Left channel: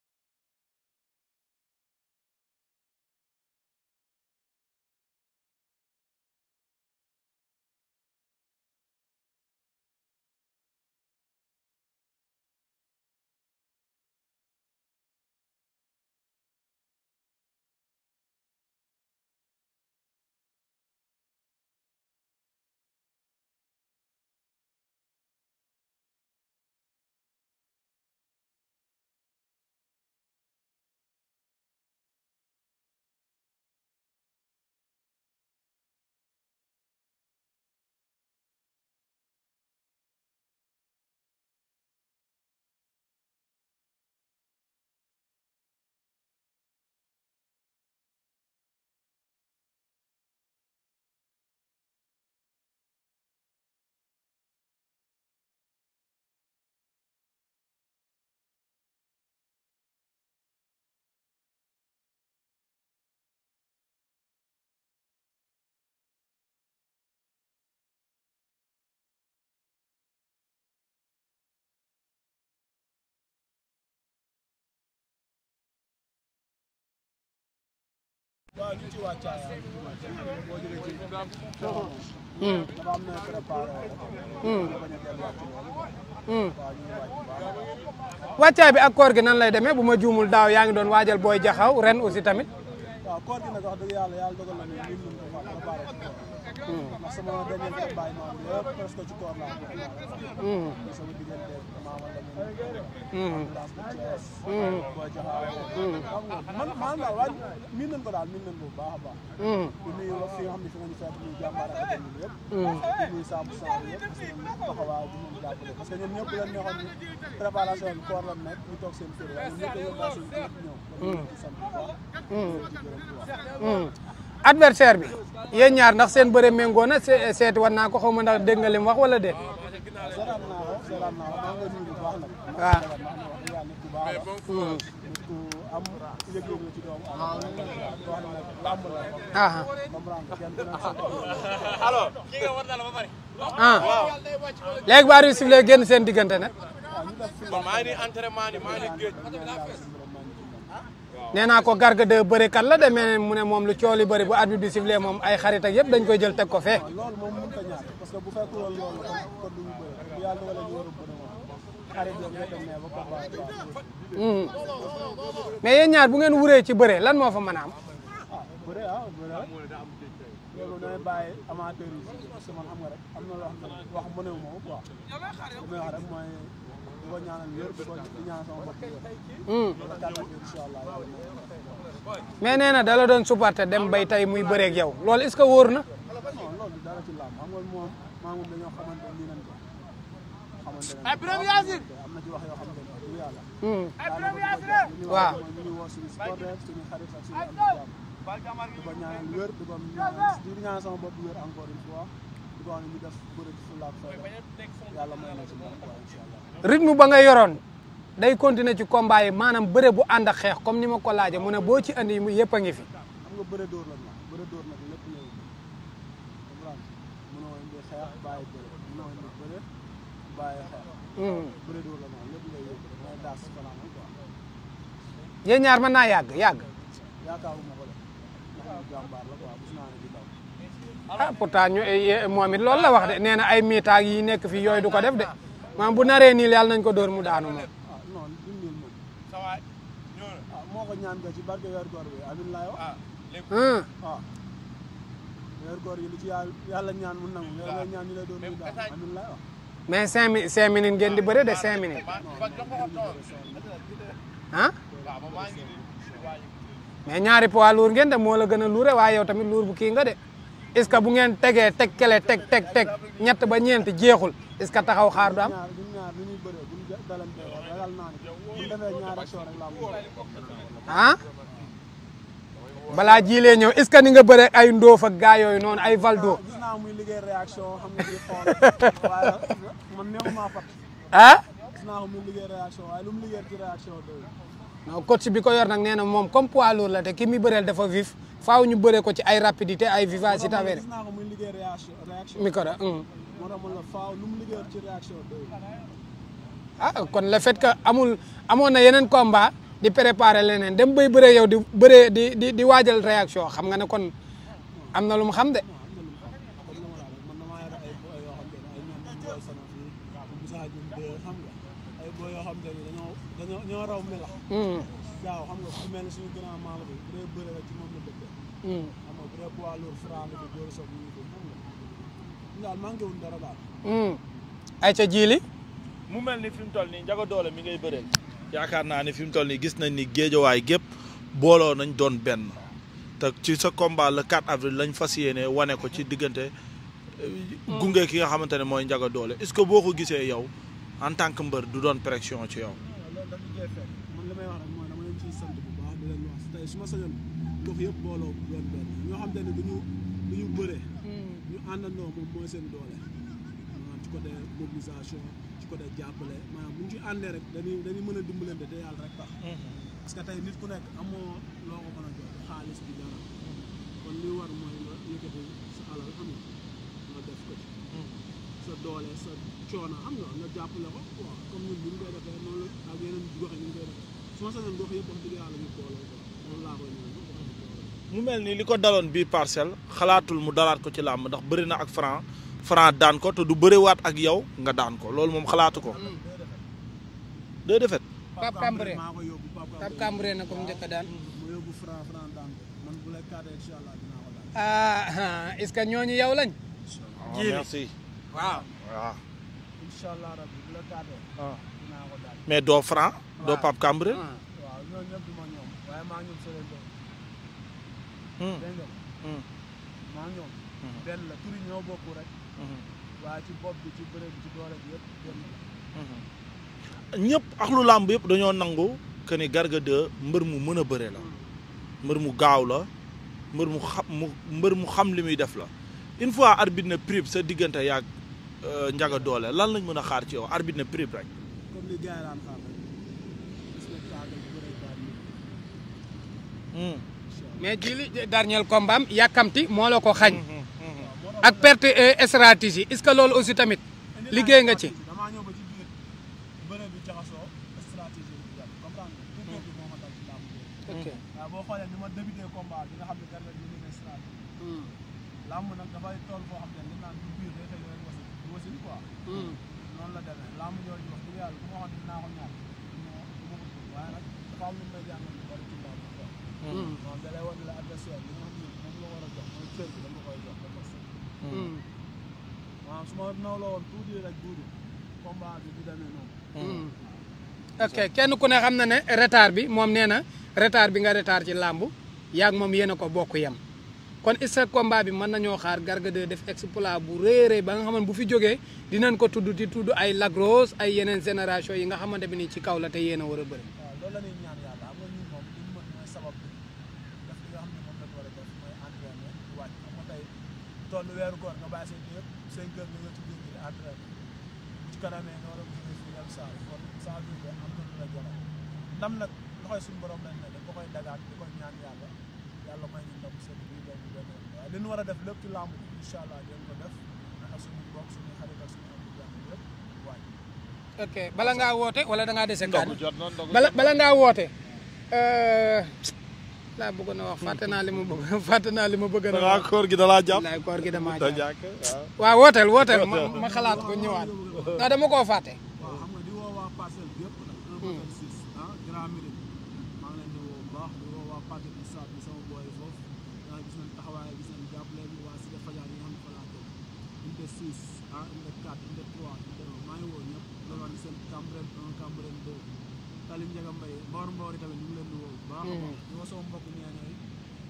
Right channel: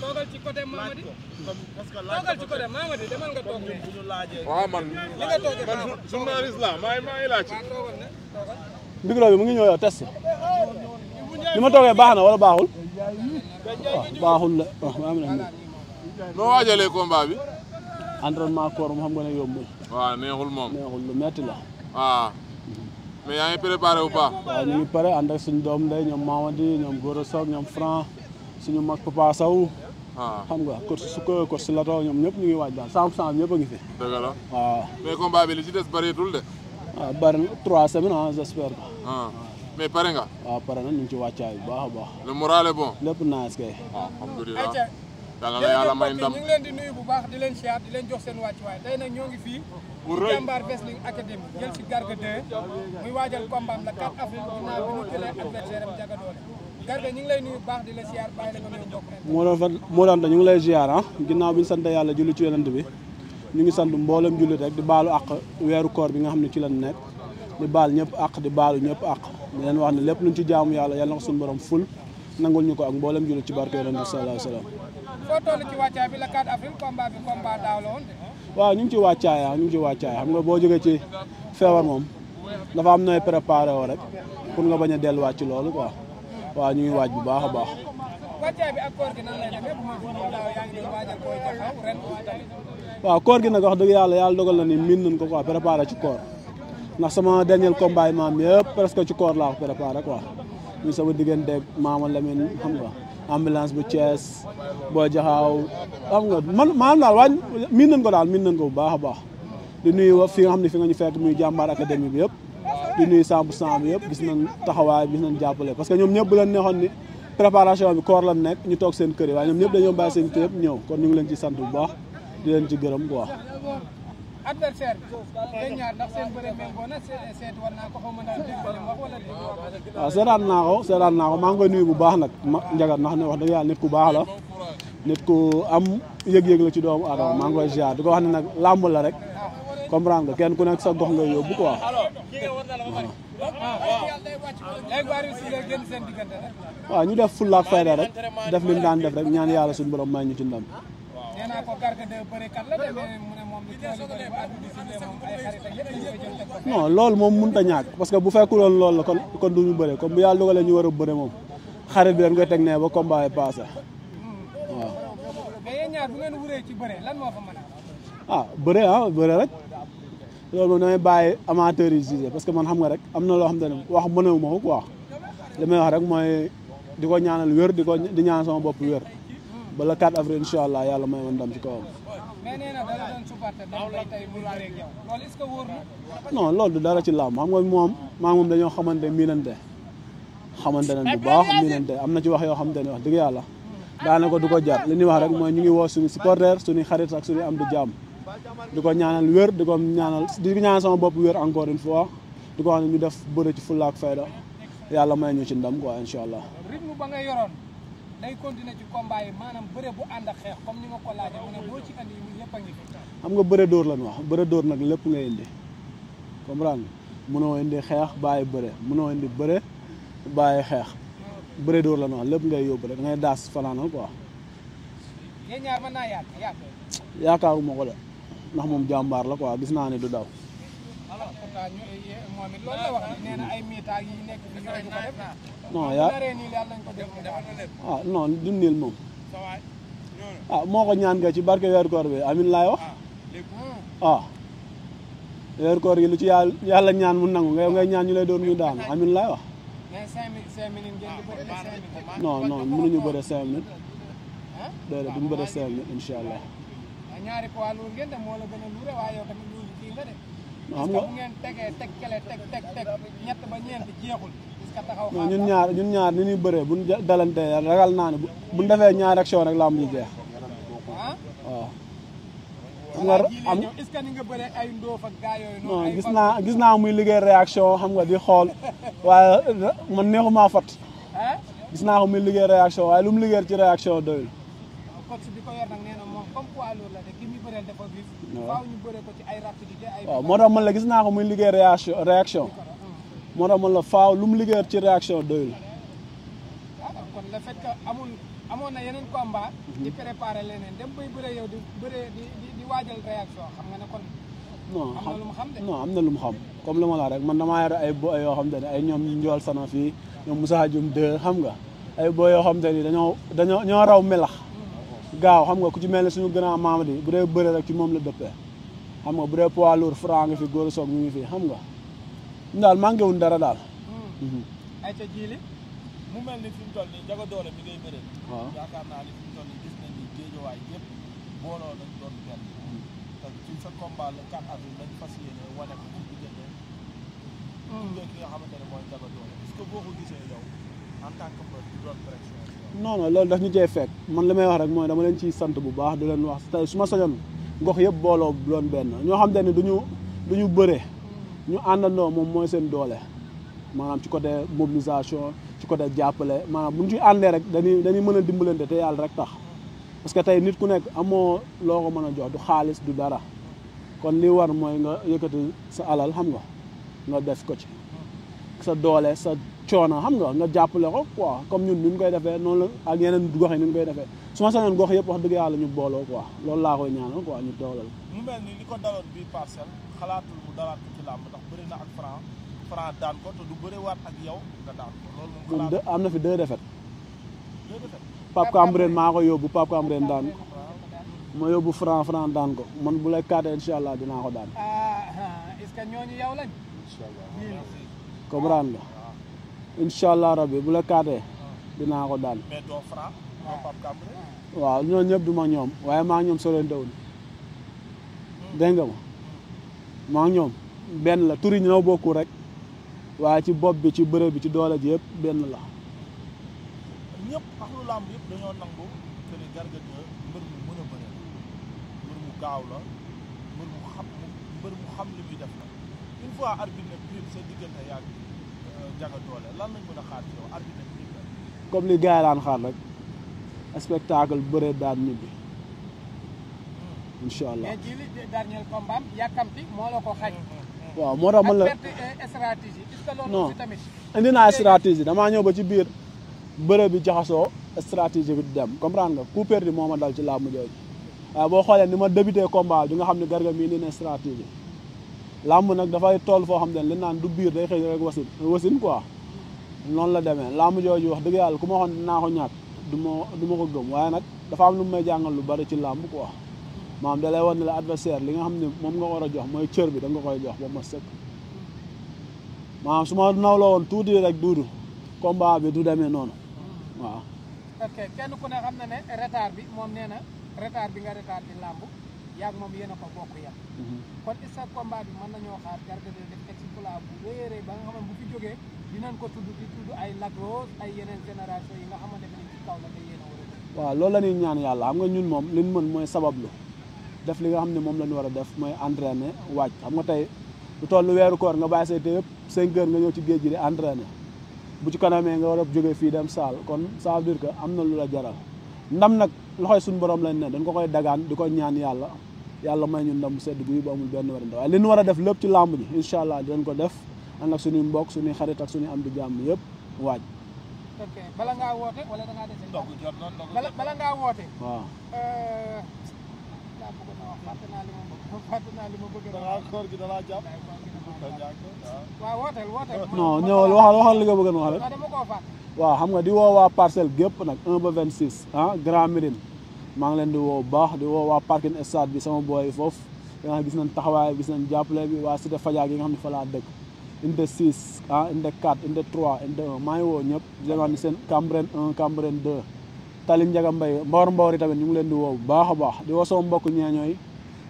toogal ci côté Mamadi toogal ci côté Mamadi demal nga toog waaw man journaliste la maa ngi laaj. micro bi mu ngi ñëw yow test li ma toogee baax na wala baaxul baaxul la maa ngi leen noo waajalee combat bi. entraînement koor mu xam nga ne yombul. waaw neexul moom neexul lu metti la. waaw mais yaa ngi préparé bu baax. waaw ñu ngi pare ànd ak suñu doom ndey ñoom Mamadi ñoom Gora Sock ñoom Franc suñu mag Papa Sow. xam nga coach Suko coach Lato ñoom ñëpp ñu ngi waaj daal 100% ñëpp a ngi fi. dëgg la waaw. mais combat bi li ci des bëreetul de. waaw bëri na 3 semaines ah j'espère que. mais pare nga. waaw pare na ñu ngi ci wàccaay bu baax a baax. le moral est bon. lépp naaj kay. alhamdulilah. yàlla na yàlla may ndam. ñu ngi leen di nuyu bu baax di leen siyaar di leen jox seen wàccuwaay tey nag ñoo ngi fii ci Jàmbaar Wrestling Academy jël si Garga 2 muy waajal combat am la 4 avril ginnaaw bi ñu jëlee adversaire am Ndiaga Dolé Garga ñu ngi lay nuyu bu baax di la siyaar bàyyi la nga nuyu mbokk moo doon ñu ngi lay ziar ah ginnaaw bi ñu sant yàlla julli ci yonent bi ñu ngi sant mboolem jullit rek di baalu àq weeru koor bi nga xam ne ci lañ nekk di baal ñëpp àq di baalu ñëpp àq di leen wax ne lépp luñ ci jaamu yàlla yàlla na ko suñu borom ful nangul ñu ko ak mboolem jullit ci barke yonent bi sallallahu alayhi wa sallam. foo toll ci wàccaay bi la 4 avril combat bi combat daaw la woon de. waaw ñu ngi ci wàccaay ñu ngi ci wàccaay xam nga boo jógee ci feebar moom dafa am nooy préparé woo rek pour nga bañ a delluwaat ci loolu quoi waaw ñu ngi waaj bu baax a baax. wàccaay bi ak koor gi nan lay demee bu ma juumul daaw yaa ngi doon waajal booy jaxaw ren aussi tamit. waaw koor gi nag wax dëgg yàlla dogal na ni miin nañ ko quoi préparé ci koor ndax sama dernier combat yi maam yëpp presque ci koor laa ko préparé quoi. ñu sama diggante Maama Lamine xam nga. ambulance bu Thiès. booy jaxaaw xam nga maanaam daal waaye miin nañ ko bu baax a baax. di nuyu fi nga xam ne fi nga ñu fekk muy Jàmbaar Académie bi yëpp. di nuyu 100% bi yëpp gis nañ taxawaay gis nañ jàppale parce que ñoom ñëpp bu leen neexoon ni préparation bi koor la nekk ñu toog seen kër yi waaye ñoom ñëpp dañoo bàyyi seen kër yëpp ñëw kon ñu ngi leen ci sant bu baax. di leen ci gërëm quoi. adversaire bi yéen ñaar ndax seen bëre méngoo na seeti war naa ko xaw ma ndax dégg nga li mu wax wala déet. waaw seetaan naa ko maa ngi koy nuyu bu baax nag. Ndiaga ndax ne wax dëgg yàlla nit ku baax la. nit ku am yëg-yëg la ci doomu aadama maa ngi koy ziar di ko wax ne nag làmb la rek. comprendre nga kenn ku nekk sa gox nga yóbbu quoi. léegi bu arbitre sifflé génn seen diggante nag. waaw ñu def fulla ak fayda rek def li ñu daan def rek ñaan yàlla suñu borom may ñu ci ndam. nee naa ko Garga 2 bërekat la demee mu ne moom lu cooli bëri bu arbitre bi sifflé moom ay xarit ak yëpp dañ koy jël teg ko fee. non loolu moom mënut a ñàkk parce que bu fekkuloon loolu la kon du ñu bëre comme bu yàlla dogalee ñu war a bëre moom xarit bi dañ koy teg ne ba combat yi passé. waaw mais yéen ñaar bu ngeen wuree ci bëre lan moo fa mën a am. bëre rek loolu moom damay bàyyi amateurs yi jugé parce que man xam nga rek am na loo xam ne wax mënewu ma ko quoi li may wax rek mooy di ko ñaanal wér di ñaan sama bopp wér. ba le 4 avril incha allah yàlla may woon ndam ci kawam. mais nee na da la doon supporter dem bay tey muy bëreeg yow loolu est-ce que wóor na. non loolu du dara ci làmb xam nga moom dañoo xamante miinante nañ bu baax miinante am na ci wax yoo xamante ne wax dëgg yàlla. daanaka du ko jar li ñuy wax rek mooy ñu ngi woo suñu supporter suñu xarit ak suñu am di jàmm. di ko ñaanal wér di ñaanal sama bopp wér encore une fois di ko wax ne ñu def bëre ci fulla ak fayda yàlla may ñu ci ndam quoi incha allah. rythme ba nga yoroon. day continuer ci combat yi maanaam bëre bu ànd ak xeex comme ni ma ko laajee mu ne boo ci andi yëpp a ngi fi. xam nga bëre dóor lañ wax bëre dóor nag lépp ngay indi comprendre mënoo indi xeex bàyyi bëre mënoo indi bëre bàyyi xeex. bëre dóor lañ wax lépp ngay yóbbu rek ngay daas fanaanal quoi. yéen ñaar mën naa yàgg. yaakaaruma ko de ndax moom jàmbaar la quoi gis naa ne du daw. pourtant moom it loolu la wax de nee na ay miitaag yi nekk fi yooyu du ko def de. maam bu naree niil yàlla nañ ko dóor mu daanu moom. non du niil moom moo ko ñaan nga ci barke weeru koor bi amin laay wax. weeru koor gi lu ci yàlla ñaan mu nangu ngay ñaan ñu lay doon ñu daanu amin laay wax. mais 5 minutes ngeen di bëre de 5 minutes. non mënuñu bëre 5 minutes. déedéet duñu bëre 5 minutes incha allah. mais ñaari poids lourd ngeen de moo la gën a luure waaye yow tamit luur bu kii nga de. est-ce que bu ngeen tegee teg kele teg ñett ba ñeent jeexul. est-ce que taxaw xaar ñun ñaar ni ñuy bëree buñ dalante ragal naa ne buñ defee ñaari action rek lamb ji jeex. waaw. balaa jiilee ñëw est-ce que ni nga bëree ay ndóof ak gaa yooyu noonu ay valdo gis naa muy liggéey réaction xam nga di xool waaye man neexumaa fat gis naa ko muy liggéey réaction waaye lu mu liggéey ci réaction doyul. coach bi ko yor nag nee na moom comme poids lourd la te ki muy bëreel dafa vif. faaw ñu bëree ko ci ay rapidité ay vivacité. moo tax man la gis naa ko muy liggéey réaction. micro moo tax man la faaw lu mu liggéey ci réaction doyul. ah kon le fait que amoon na yeneen combat di préparer leneen dem bay bëree yow di bëree di waajal réaction xam nga ne kon am na lu mu xam de non am na lu mu xam comme li ma la rek man damaa yore ay boy yoo xam te ne ay ñoom njool sana fii ñoom Moussa Dioum 2 xam nga ay boy yoo xam te ni dañoo raw melax gaaw xam nga ku ci mel ne suñu grand Mamadi bu dee bëre rek ci moom la dëppee xam nga bu dee poids lourd Franc ngi fi góor soog ñu ngi fi xam nga ñu daal manqué wuñ dara daal ay ca jiili mu mel ni fi mu toll nii Ndiaga Dolé mi ngay bëree yaakaar naa ni fi mu toll nii gis nañ ni géejawaay gépp booloo nañ doon benn te ci sa combat le 4 avril lañ fas yéene wane ko ci diggante gunge ki nga xamante ne mooy Ndiaga Dolé est-ce que boo ko gisee yow en tant que mbër du doon pression ci yow. non non loolu daf ñu cee fekk man li may wax rek mooy dama leen ciy sant bu baax di leen wax tey su ma sañoon gox yëpp booloo doon benn ñoo xam te ne du ñu bëree ñu àndandoo moom mooy seen doole maanaam ci côté mobilisation ci côté jàppale maanaam bu ñu ci àndee rek dañuy mën a dimbalante te yàlla rek tax parce que tey nit ku nekk amoo loo ko mën a jox du xaalis du dara kon li war mooy nga yëkkati sa alal xam nga def ko ci sa doole sa coono xam nga jàppale ko quoi comme ñun ni ñu koy defee noonu la ak yeneen gox yi ni ñu koy defee su ma sañoon gox yëpp wax dëgg yàlla ñu booloo quoi loolu laa koy ñaanal quoi ñu doolal. mu mel ni li ko daloon bii Parcelles xalaatul mu dalaat ko ci làmb ndax bëri na ak Franc daan ko te du bëriwaat ak yow nga daan ko loolu moom xalaatu ko. am na fi 2 défaites. 2 défaites. Pape Cambrène maa ko yóbbu Pape Cambrène daan ma yóbbu Franc daan ko man bu lay kaatee incha allah dinaa ko daan. est-ce que ñooñu yow lañ. merci. comprendre nga. incha allah rabbi bu la kaatee. dinaa ko daan. mais doo Franc doo Pape Cambrène. waaw ñooñu ñëpp du ma ñoom waaye maa ñoom sorante wuñ. dégg nga ma. maa ñoom. benn la tur yi ñoo bokku rek. waaye ci bopp bi ci bëre bi ci doole ji yëpp benn la. ñëpp ak lu làmb yëpp dañoo nangu que ni Garga 2 mbër mu mën a bëre la mbër mu gaaw la mbër mu xam li muy def la une fois arbitre na prip sa diggante yaag Ndiaga Dolé lan lañ mën a xaar ci yow arbitre na prip rek. comme li gars yi daan xaar rek spectacle bëre daan ñibbi. incha allah mais ji li dernier combat am yàkkamti moo la ko xañ. waaw moo tax ak perte stratégie est-ce que loolu aussi tamit. indi naa stratégie damaa ñëw ba ci biir bëre bi jaxasoo stratégie bi dem comprendre nga coup perdu moo ma dal ci làmb jooju. waaw boo xoolee ni ma débuté combat bi nga xam ne Garga mii indi na stratégie. làmb nag dafay toll foo xam ne li naan du biir day xëy rek wasin quoi. noonu la demee làmb jooju wax dëgg yàlla ku ma waxoon dinaa ko ñàkk du ma ko gëm waaye nag dafa am lu may jàngal lu bari ci làmb quoi. maanaam da lay wan ne la adversaire li nga xam ne moom nga war a jox mooy cër bi da nga koy jox ba ma sëkk. maanaam su ma nawloo woon tuuti rek duudu combat bi du demee noonu. waaw. ok kenn ku ne xam na ne retard bi moom nee na retard bi nga retard ci làmb yaag moom yéen a ko bokk yem. kon est-ce que combat bi mën nañoo xaar Garga 2 def exploit bu rëy ba nga xamante bu fi jógee dinañ ko tudd ay Lac Rose ay yeneen génération yi nga xamante bi ni ci kaw la te yéen a war a bëri. waaw loolu la ñuy ñaan yàlla xam nga ñun moom li ñu mën mooy sabablu def li nga xam ne moom la ñu war a def mooy entraîner waaj xam nga tey lu toll weeru koor nga bàyyi say te yëpp 5 heures nga ñëw ci géej gi di entraîner bu ci kanamee nga war a jógee fii dem saal kon ça veut dire que am na lu la jaral ndam nag loxoy suñu borom lañ ne dañ ko koy dagaan di ko ñaan yàlla may ñu ndam sedd bi bu amul benn warante waaye li ñu war a def lépp ci làmb ji incha allah dinañ ko def ànd ak suñuy mbokk suñuy xarit ak suñuy am di jàmm yëpp waaj. ok bala ngaa woote wala da ngaa dese kàddu bala ngaa woote. waaw. laa bëggoon a wax fàtte naa li ma bëgg a wax. koor gi da laa jàpp. wallaay koor gi damaa jàpp. waaw wooteel. non waxal li nga bëgg a wax rek. dama koo fàtte. waaw xam nga di woo waa Parcelles gépp nag 1 ba 26 Grand Médine maa ngi leen di woo bu baax di woo waa parking stade bi sama boy foofu nga xam gis nañ taxawaay gis nañ jàppale bi waa Cité Fadia gi nga xam ne fa laa dëkk unité 6 unité 4 unité 3 unité 1 maa ngi woo ñëpp di leen seen Cambérène 1 Cambérène 2 Tali Ndiaga Mbaye Mbawar yi tamit ñu ngi leen di woo bu baax a baax di woo sama mbokk ñeeñooy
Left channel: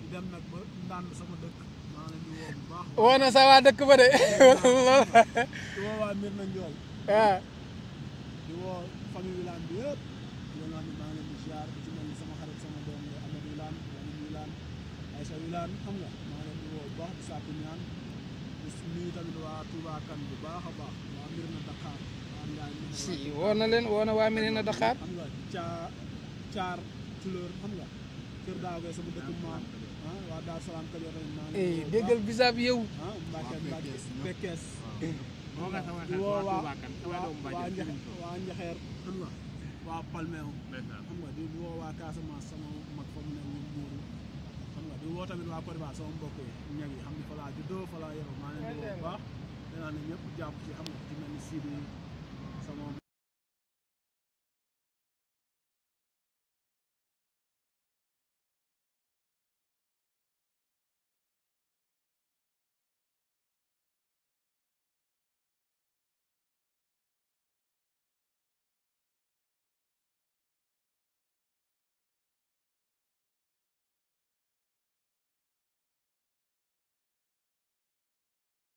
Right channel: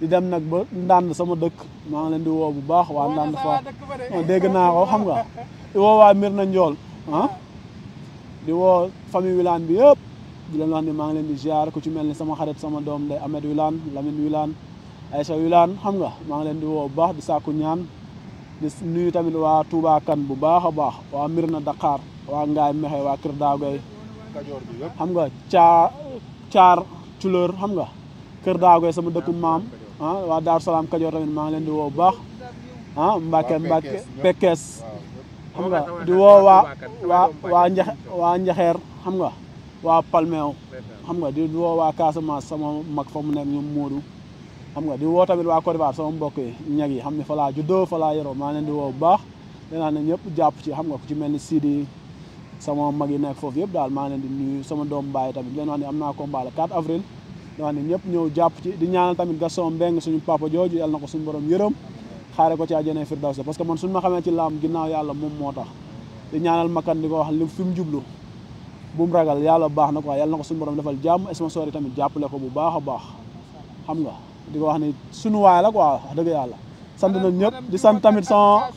di dem nag ba Ndande sama dëkk maa ngi leen di woo bu baax waa Ndande waa dëkk ba de dégg naa ko xam nga di woo waa Mirna Ndiol di woo famille Wilane bi yëpp di leen wax ne maa ngi leen di ziar ku ci mel ni sama xarit sama doom day Ahmed Wilane Lamine Wilane Aïssa Wilane xam nga maa ngi leen di woo bu baax di sàkku ñaan di nuyu tamit waa Touba Kane bu baax a baax waa Mirna Dakar waa Ngaay Mexe waa Kër Daago xam nga caar Culeur xam nga Kër Daago sama dëkku maam waa Daaru Salaam Kajoor tamit maa ngi leen di woo bu baax Mbacke Pekes xam nga di woo waa Njaxeer xam nga waa Palmeew xam nga di woo waa Casamance sama mag fa mu nekk ñoom Modou xam nga di woo tamit waa Côte d'Ivoire sama mbokk yi ñag yi xam ne fa laa juddoo fa laa yoroo maa leen di woo bu baax dinaa ne ñëpp jàpp ci xam nga ku ci mel ni Sidi sama mag yi nekk foofu yëpp daal maa leen di nuyu sama doom baay tamit leen wax ne am naa combat le 4 avril di wax ne ñëpp ñëw jàpp ci di ñaanal tamit Gaston Mbengue suñu papa jooju yàlla na ko suñu borom yërëm xaare ko ci àjjana firdawsi parce que man suñu ma xamee ci laam ginnaaw yàlla moom moo tax di ñaanal makan di ko wax li fi mu jublu bu mu ragal yàlla baax na quoi yàlla na ko suñu borom defal jàmm sponsor yi tamit jàppale ko bu baax a baax xam nga di ko wax ni suñu waay la quoi wax dëgg yàlla sant nañ ñëpp di sant tamit sama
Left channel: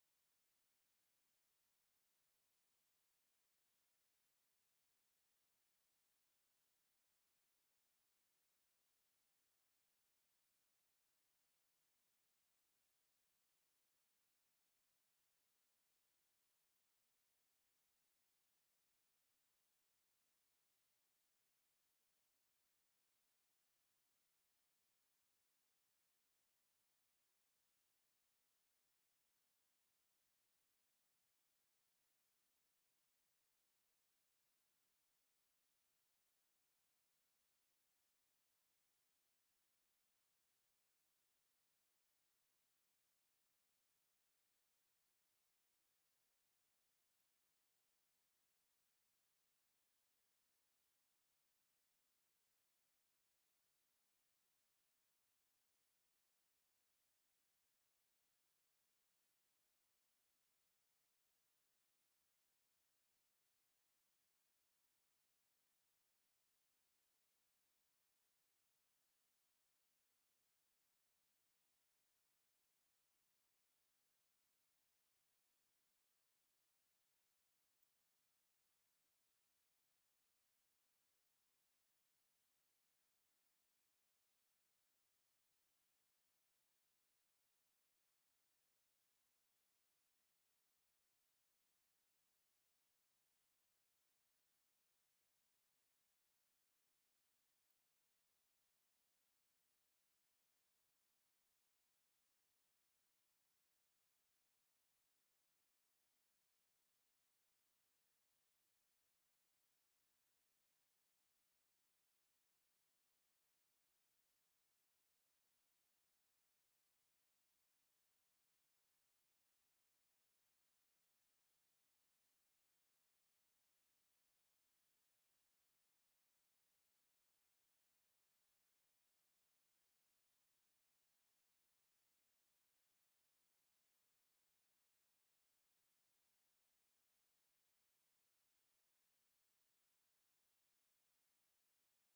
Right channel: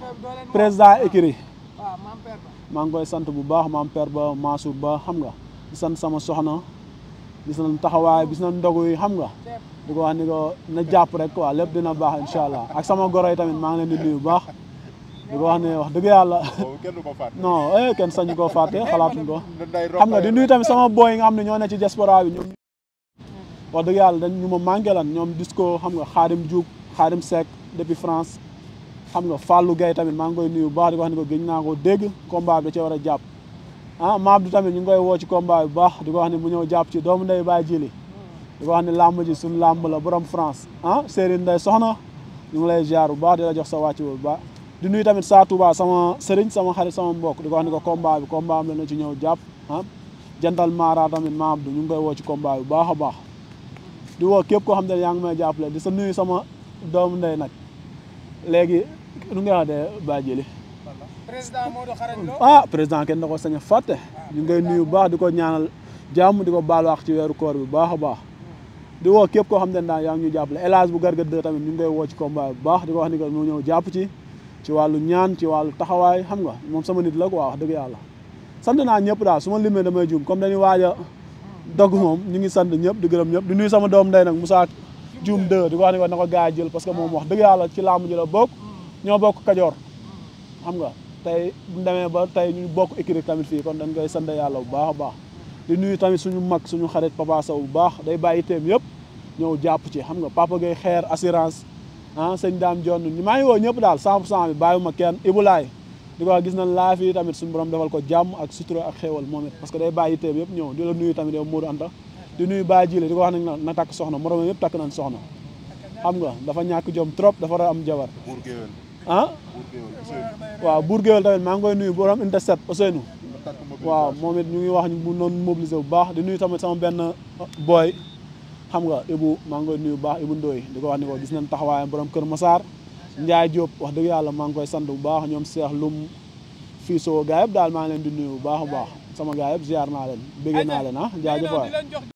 président écurie maa ngi koy sant bu baax maam père ba Mansour ba xam nga di sant sama soxna gis nañ taxawaay gis nañ ndogu yi xam nga di ko wax ni ko na jàpp rek quoi lépp dina baax incha allah ak sama goro yi tamit maa ngi leen di nuyu bu baax di ko wax ne wax dëgg yàlla non kenn sañu koo fàtte xalaatuñ ko xam nga di nuyu tamit sama boy yi nga xam ne ñoo ne ci diaspora bi ñoom wax dëgg yàlla dañ ñu ma manqué lan ñoom disco xam nga Xaadim Diouf Xaadim Seck depuis France xam nga Fallou Gueye tamit maa ngi koy nuyu bu baax di ko wax ni ko gëj naa ko dégg combat bi da cee war a jàpp Mabdou tamit ñu ngi koy woo ci combat bi bu baax di ko wax ni mu ñëw jàpp ci doomu ndey Baye Jili di ko wax ni làmb ji suñu làmb la borom France Serigne Ndeye soxna ñu ngi lay ziar bu baax di la jox sa wàcc bu baax di nuyu tamit Sa Touba sama sëriñ sama xarit sama mbokk di ko wax ni ko combat am la na ci ñëw jàpp jantal Mara tamit Mabdou ñu ngi koy woo ci combat bi bu baax a baax di woo képp koo xam ne yaa ngi may jàppale di sa nuyu sama doomu ndey nag léegi nu nga wax de Baye Jili président Modou Xarañ Lo président kenn da ko sañ a fàtte ñu ngay nuyu bu baax di ko ñaanal jàmm di ko baal wax ci weeru koor bi bu baax a baax di woo képp koo xam ne daal yaa ngi ñu jàppale El Hadj bu Garga 2 tamit ñu ngi koy woo ci combat bi bu baax di ko wax ni que mu ñëw jàpp ci wàllu ñaan ci wàllu taxawaay xam nga moom sama nit la quoi wax dëgg yàlla sant naa ñëpp daal su ma limee damay juum comme dañuy waaj a dogg moom ñu ngi sant ñëpp di gërëm ñëpp di nuyu sama doom ndey nag Moussa Dioum 2 di ko wax ni ko na ko gars yi jël parce que moom wax dëgg yàlla ci làmb ji la bokk ñoo bokk Kajoor xam nga tey bu ñu demee ba tey ñu bokk écurie tamit fii kon dañ koy sant yàlla bu baax a baax di nuyu tamit suñu mag suñu xarit Papa Sow bu baax day bàyyi teem yëpp ñëw jàpp ci xam nga Papa Gueye xeer assurance sëñ Dame Dione maa ngi woo ñëpp daal 100% bi bàyyiwuma kenn Ibulaay di ko wax gis nañ laa fii tamit suñu borom defal ko jàmm ak sutura ak xéewal moom it parce que day bàyyi teem yëpp ñëw di la nuyu tamit yow Modou Anta di nuyu Baye Jile di ko wax nag na takk soxna moroom yëpp takk nañ soxna xam nga dafa ñàkk jom trop dafa war a am jabar waaw Bour Gueweul tamit maa ngi koy nuyu borom unité 7 Ousseynou waaw moom it ñu ngi wax bu noonu mobiliser bu baax di nuyu tamit sama benn boy xam nga Ibou maa ngi koy nuyu bu baax Ibou Ndoye di ko wax ni ko gis nañ taxawaayam borom Kër Massar Ndiaye Diop wax dëgg yàlla maa ngi koy sant bu baax ñoom Cheikh Loum fii soo gaa yëpp daal maa ngi leen di nuyu bu baax a baax sama gaa yëpp ziar naa leen bëggee naa leen jaajëf waay